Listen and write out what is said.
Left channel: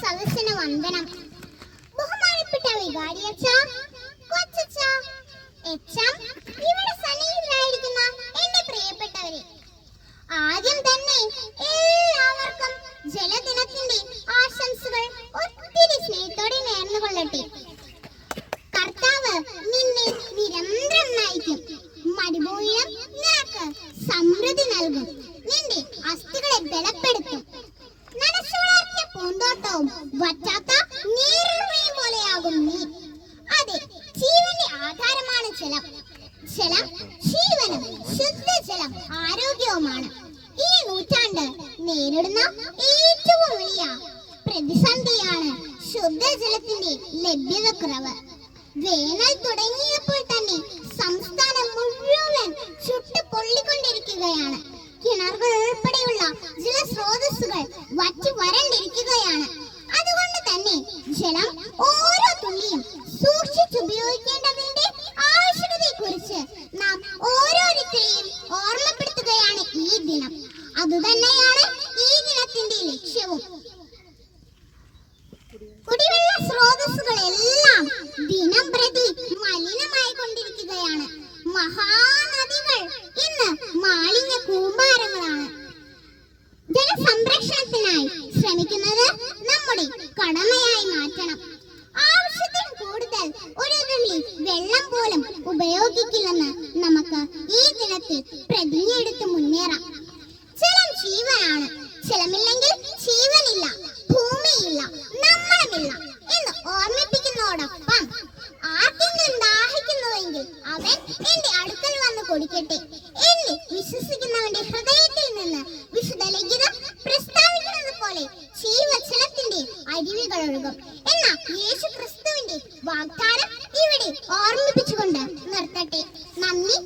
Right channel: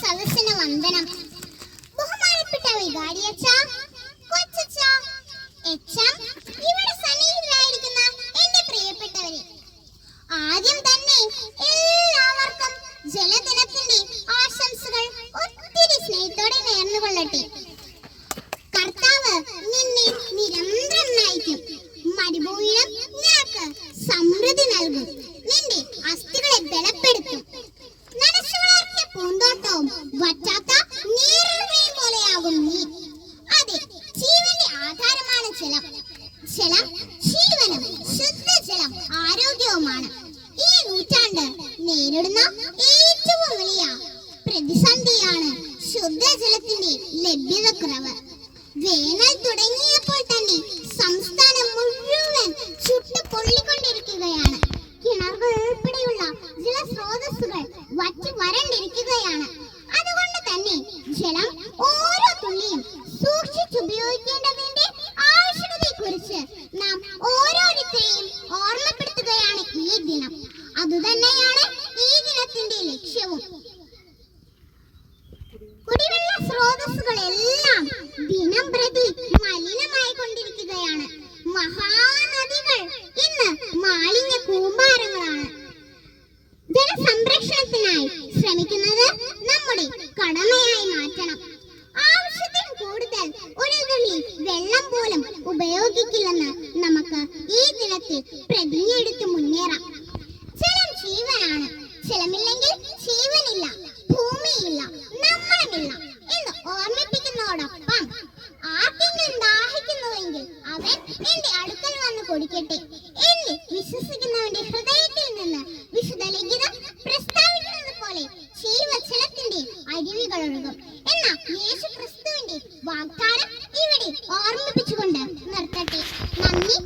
സദസ്സിന് വന്ദനം. ബഹുമാനപ്പെട്ട വികാരിയച്ച കൊച്ചച്ച എച്ചം ഇവിടെ സന്നിഹിതരായിരിക്കുന്ന എന്റെ പ്രിയപ്പെട്ടവരെ ആദ്യം തന്നെ എല്ലാവർക്കും ജലദിനത്തിന്റെ ആശംസകൾ ഒത്തിരി സ്നേഹത്തോടെ നേർന്നുകൊള്ളട്ടെ. കർത്താവ് നിന്നെ നിരന്തരം നയിക്കും. മരുഭൂമിയിലും നിനക്ക് സമൃദ്ധി നൽകും. ജലം. ജലം ജീവനും ശുദ്ധജലം ആരോഗ്യവുമാണ്. ഈ നൂറ്റാണ്ട് നേരിടുന്ന ഏറ്റവും വലിയ പ്രതിസന്ധിയാണ് ശുദ്ധജലത്തിന്റെ ലഭ്യതക്കുറവ്. വേനൽ തുടങ്ങിയപ്പോൾ തന്നെ സംസ്ഥാനം മുഴുവൻ ചുട്ടു പൊള്ളിക്കൊണ്ടിരിക്കുകയാണ് കിണറുകൾ ഉൾപ്പെടെയുള്ള ജലസ്രോതസ്സുകൾ വറ്റി വരണ്ടിരിക്കുകയാണ്. അതുകൊണ്ട് തന്നെ ജലം ഓരോ തുള്ളിയും സൂക്ഷിച്ചുപയോഗിക്കേണ്ടതിന്റെ അതുതന്നെയാണ് ഈ ദിനത്തിന്റെ ലക്ഷ്യവും. കുടിവെള്ള സ്രോതസ്സുകളെല്ലാം ദിനം പ്രതി മലിനമായി കൊണ്ടിരിക്കുകയാണ്. മഹാനദികൾ ഇന്ന് മാലിന്യ കൂമ്പാരങ്ങളാണ്. ജലസംരക്ഷണത്തിനായി ശ്രമിക്കുന്നത് നമ്മുടെ കടമയായി മാറ്റണം. ആവശ്യത്തിന് കൂടുതൽ ഒരു തുള്ളി വെള്ളം പോലും ഉപയോഗിക്കില്ലെന്ന് നമുക്ക് ഈ ദിനത്തിൽ പ്രതിജ്ഞയെടുത്ത് മുന്നേറാം. നമ്മളുമില്ല എന്ന് ഓർമ്മിപ്പിക്കുന്നതോടൊപ്പം ആർക്കെങ്കിലും ദാഹിക്കുന്നുവെങ്കിൽ അവൻ എന്റെ അടുക്കൽ വന്ന് കുടിക്കട്ടെ. എന്നെ വിശ്വസിക്കുന്നവന്റെ ഹൃദയത്തിൽ നിന്ന് വിശുദ്ധ ലിഖിതം പ്രസ്താവിക്കുന്നത് പോലെ ജീവജലത്തിന്റെ അരുവികൾ ഒഴുകും. എന്ന യേശു ക്രിസ്തുവിന്റെ വാഗ്ദാനം ഇവിടെ ഓർമ്മിപ്പിച്ചുകൊണ്ട് നിർത്തട്ടെ. നന്ദി